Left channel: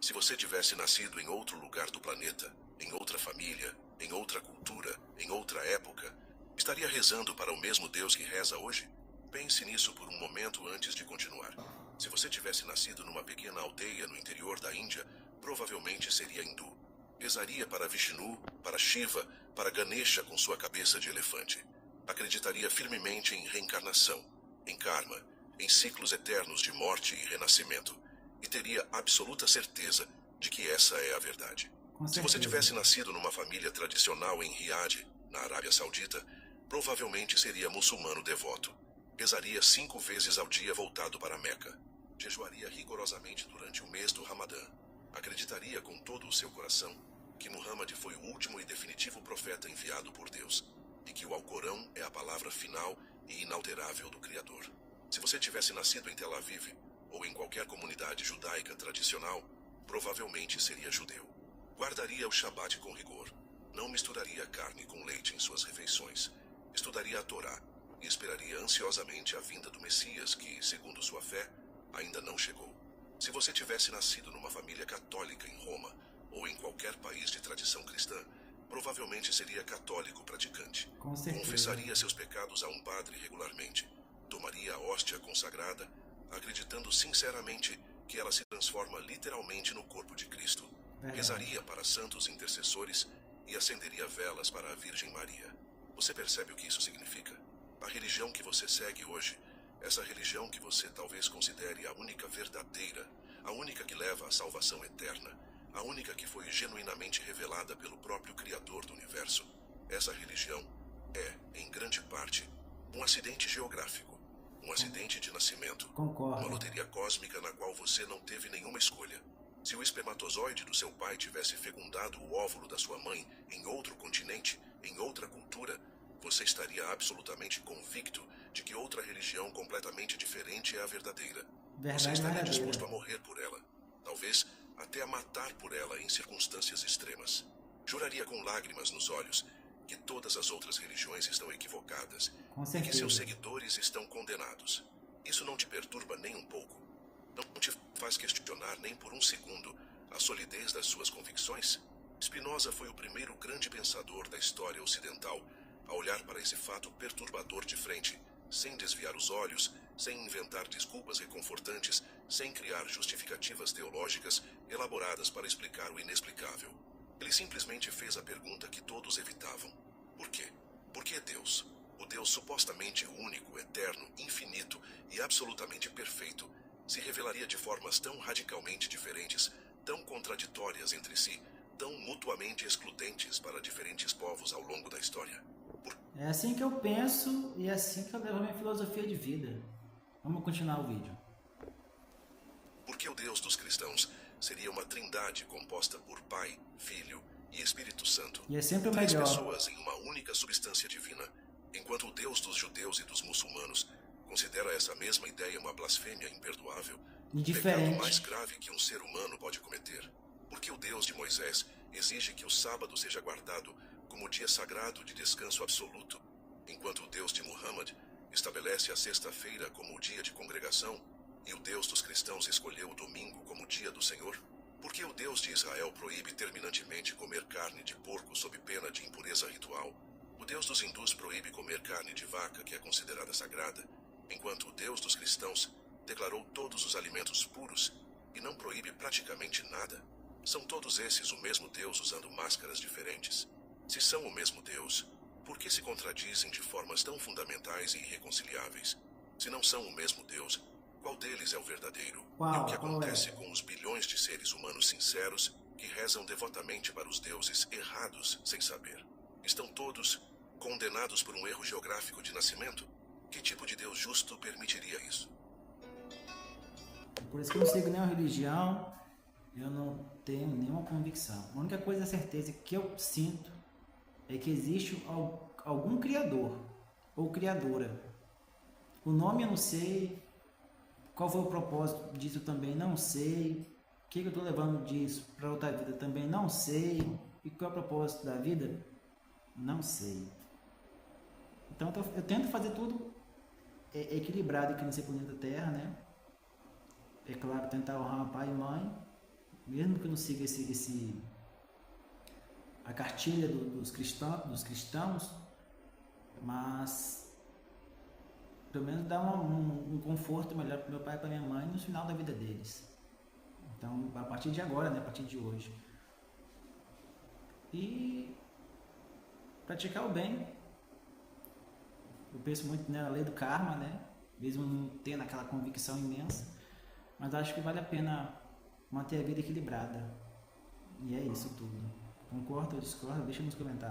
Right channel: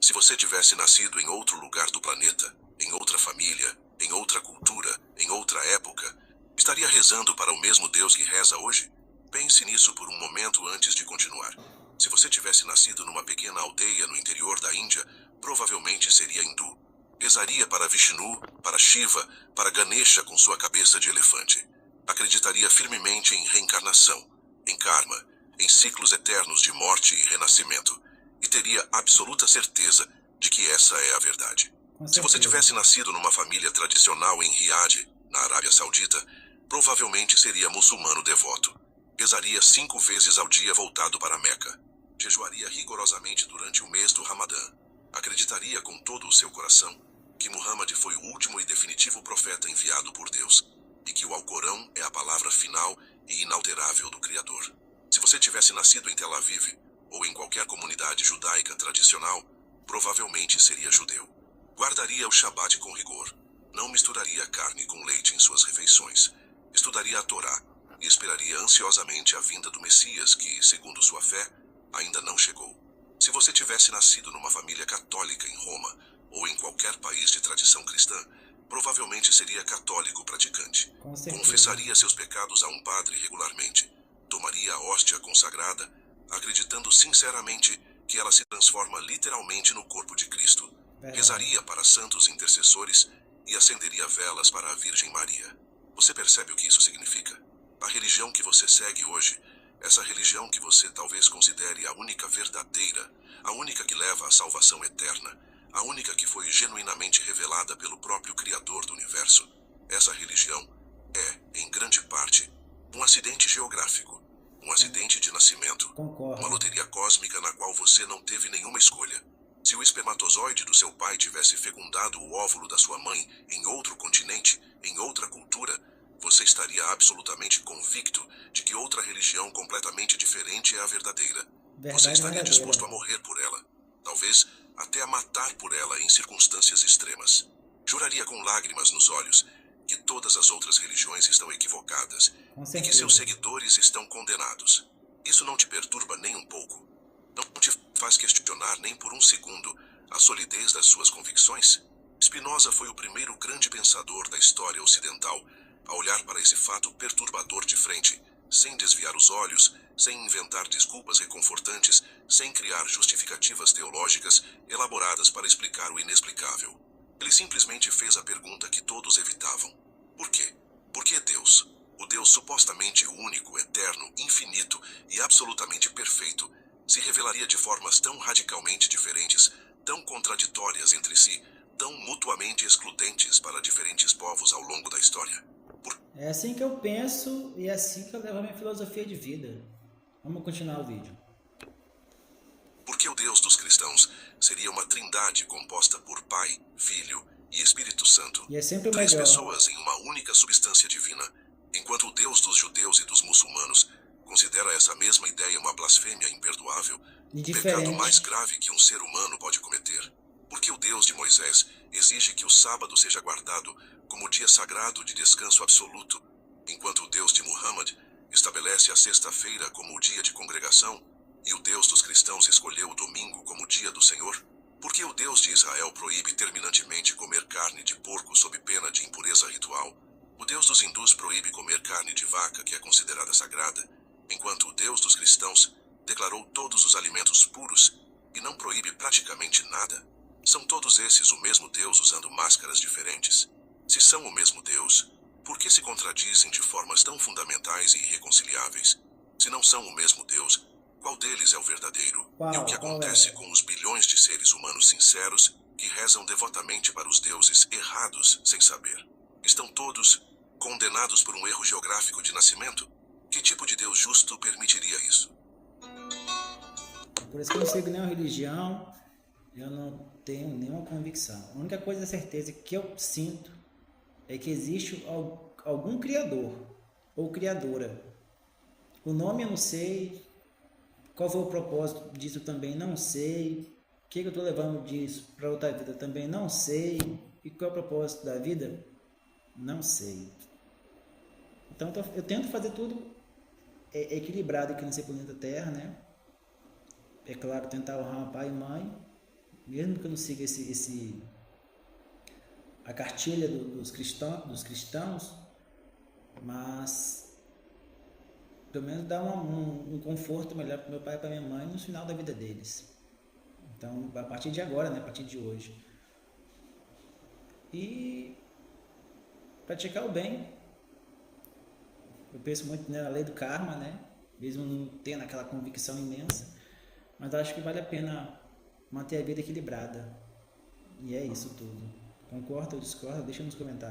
Se você tivesse nascido em outro lugar do planeta, em outra família, em outra cultura, em outra época, estaria rezando para o mesmo Deus que reza hoje? Pense nisso por um momento antes de continuar. Se você tivesse nascido numa pequena aldeia no interior da Índia, provavelmente seria hindu. Rezaria para Vishnu, para Shiva, para Ganesha com sua cabeça de elefante. Acreditaria firmemente em reencarnação, em karma, em ciclos eternos de morte e renascimento, e teria absoluta certeza de que essa é a verdade. Com Se você certeza. tivesse nascido numa família tradicional em Riad, na Arábia Saudita, provavelmente seria muçulmano devoto. Rezaria 5 vezes ao dia voltado para Meca. Jejuaria rigorosamente durante o mês do Ramadã. Acreditaria com todo o seu coração que Muhammad foi o último e definitivo profeta enviado por Deus, e que o Alcorão é a palavra final e inalterável do Criador. Se você tivesse nascido em Tel Aviv, ou em qualquer comunidade judaica tradicional, provavelmente seria judeu. Guardaria o Shabat com rigor. Não misturaria carne com leite em suas refeições. Estudaria a Torá e esperaria ansiosamente a vinda do Messias que, segundo sua fé, ainda não chegou. Se você tivesse nascido numa família católica em Roma, ou em qualquer país de tradição cristã, provavelmente seria católico praticante. Com certeza. Confessaria seus pecados a um padre regularmente. Tomaria a hóstia consagrada, acreditando sinceramente que ela se transforma literalmente no corpo de Cristo. Verdade. Rezaria para santos intercessores e acenderia velas para a Virgem Maria. Você percebe o que isso significa? A religião que você segue hoje, essa religião que você talvez considere a única verdadeira, a única que leva à salvação eterna, a única que foi genuinamente revelada pelo próprio Criador do Universo, essa religião é, em grande parte, um acidente geográfico, um acidente de nascimento, uma Concordo. loteria cósmica na qual você não teve nenhuma escolha. Se o espermatozoide do seu pai tivesse fecundado o óvulo da sua mãe em outro continente, em outra cultura, você estaria absolutamente convicto de que outra religião completamente diferente é a verdadeira. Você Verdade estaria disposto verdadeira. a morrer por ela, talvez até a matar por ela em circunstâncias extremas. Juraria com lágrimas nos olhos que todas as outras religiões estão equivocadas Com e que seus certeza. seguidores estão condenados. Isso não te perturba nem um pouco? Não te faz questionar nem por um segundo a solidez das suas convicções? Spinoza foi o primeiro grande pensador da história ocidental a olhar para esse fato perturbador de frente, sem desviar os olhos, sem inventar desculpas reconfortantes, sem criar justificativas teológicas elaboradas para explicar o inexplicável. Ele simplesmente fez a pergunta que todos evitavam. Por quê? Por que Deus, o Deus supostamente único, eterno, infinito e absolutamente perfeito, se revelaria de formas tão radicalmente diferentes, tão contraditórias entre si, tão mutuamente excludentes para diferentes povos ao longo da história? É assim que eu penso e é assim que eu levo a minha filosofia de vida. Vamos continuar o vídeo. Porque o Deus dos cristãos seria uma trindade composta por Pai, Filho e Espírito Santo, E é sempre o 3 melhor. pessoas em uma única substância divina, enquanto o Deus dos judeus e dos muçulmanos considera essa mesma ideia uma blasfêmia imperdoável, o pecado mais Indiferente. grave que um ser humano pode cometer. Porque o Deus de Moisés exige que o sábado seja guardado como dia sagrado de descanso absoluto, enquanto o Deus de Muhammad estabelece a sexta-feira como o dia de congregação, e o Deus dos cristãos escolheu o domingo como dia do Senhor? Porque o Deus de Israel proíbe terminantemente comer carne de porco sob pena de impureza ritual, o Deus dos hindus proíbe comer carne de vaca que é considerada sagrada, enquanto o Deus dos cristãos declarou todos os alimentos puros e não proíbe praticamente nada. São todos esses o mesmo Deus usando máscaras diferentes? Se são o mesmo Deus, por que se contradizem de formas tão fundamentais e irreconciliáveis? Se não são o mesmo Deus, qual deles é o verdadeiro? E o que Qual acontece é? com os bilhões de seres humanos sinceros que rezam devotamente para os deuses errados sem saber? Estão todos condenados por um erro geográfico de nascimento? Que tipo de Deus justo permitiria isso? Por isso que eu não sigo nenhuma religião, eu não tenho nenhuma convicção. A única coisa certeza que eu sinto é que existe algum criador ou criadora. O nome eu não sei, qual foi o propósito disso também não sei, o que eu estou levando disso para outra vida também não sei, e qual é o propósito da vida? Não sei. Então eu tento fazer tudo equilibrado aqui nesse planeta Terra, né? É claro, tentar honrar pai e mãe, mesmo que eu não siga a cartilha dos cristãos, mas pelo menos dar um conforto melhor para meu pai e para minha mãe no final da vida deles. Então, a partir de agora, né, a partir de hoje. E praticar o bem. Eu penso muito na lei do karma, né? Mesmo não tendo aquela convicção imensa, mas acho que vale a pena manter a vida equilibrada. E é isso tudo. Concorda ou discorda? Deixa nos comentários.